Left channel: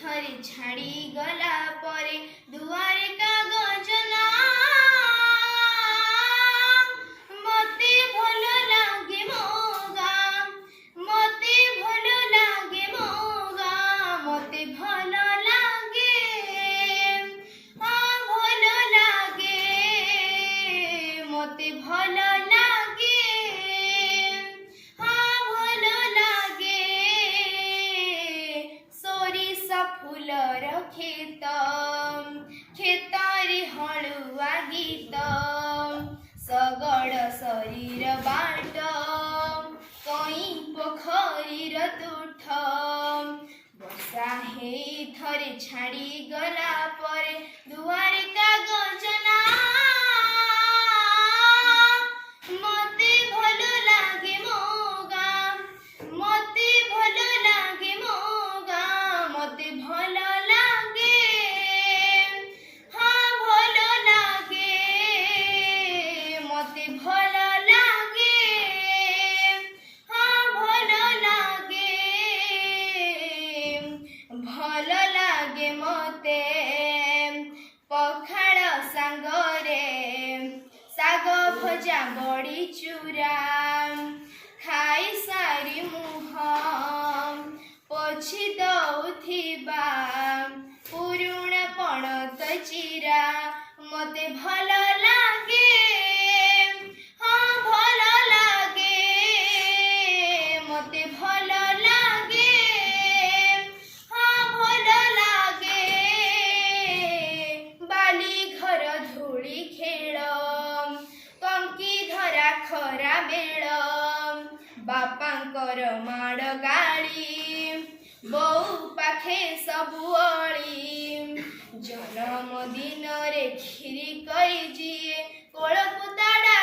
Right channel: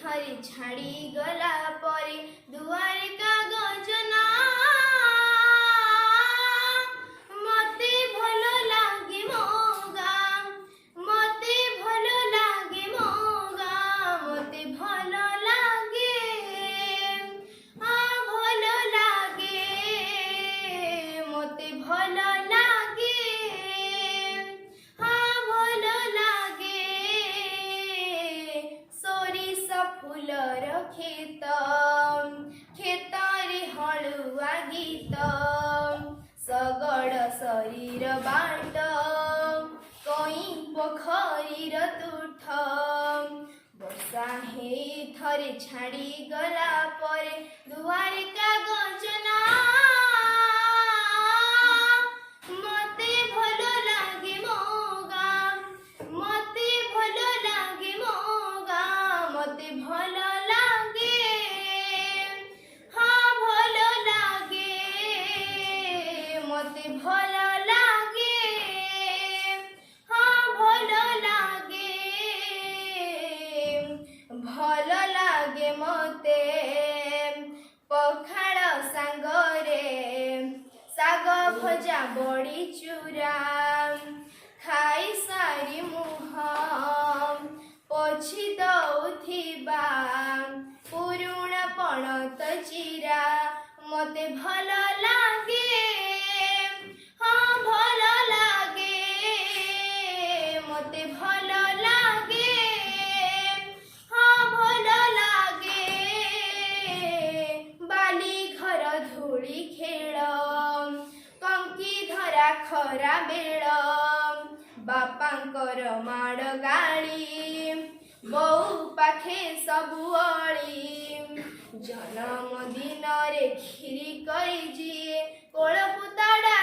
थरी छाड़ी गला परे दुआरे कागज ना मते भल लागे मोगा मते भल लागे मोगा मते भल लागे भल लागे मते भल लागे भल लागे सोरिष फूलर खेत खेतारे हलुआ गीत सगड़ शरीर बाट कई पोखरीर तुठ वर्षा हे थरे छाड़ी गला परे दुआरे कागज ना मते भल लागे मोगा मते भल लागे मोगा मते भल लागे भल लागे मते भल लागे भल लागे भल लागे मते पखाळ सांगरे साग भजा बड़ी चूरा खाई सारी मुह पोछि दौथिबा पुरुणा पणत चिरा मते भल लागे भल लागे मते भल लागे भल लागे बाली घर धूली खेल कंकी धरा खरा बेल बापांकर माड़ गाड़ी बहु पाखे सबु जन्मदिन रे खीरी करी जी कोल पुताड़ा